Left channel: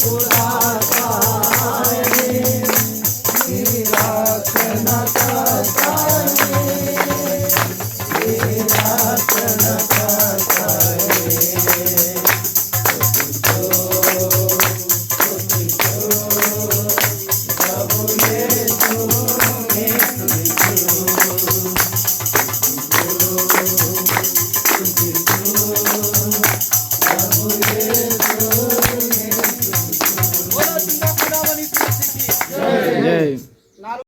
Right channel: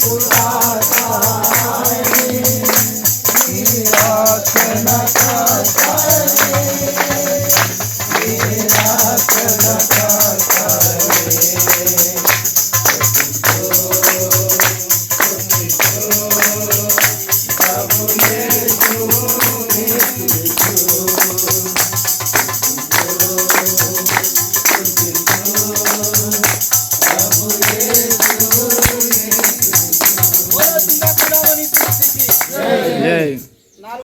Thank you. Yay.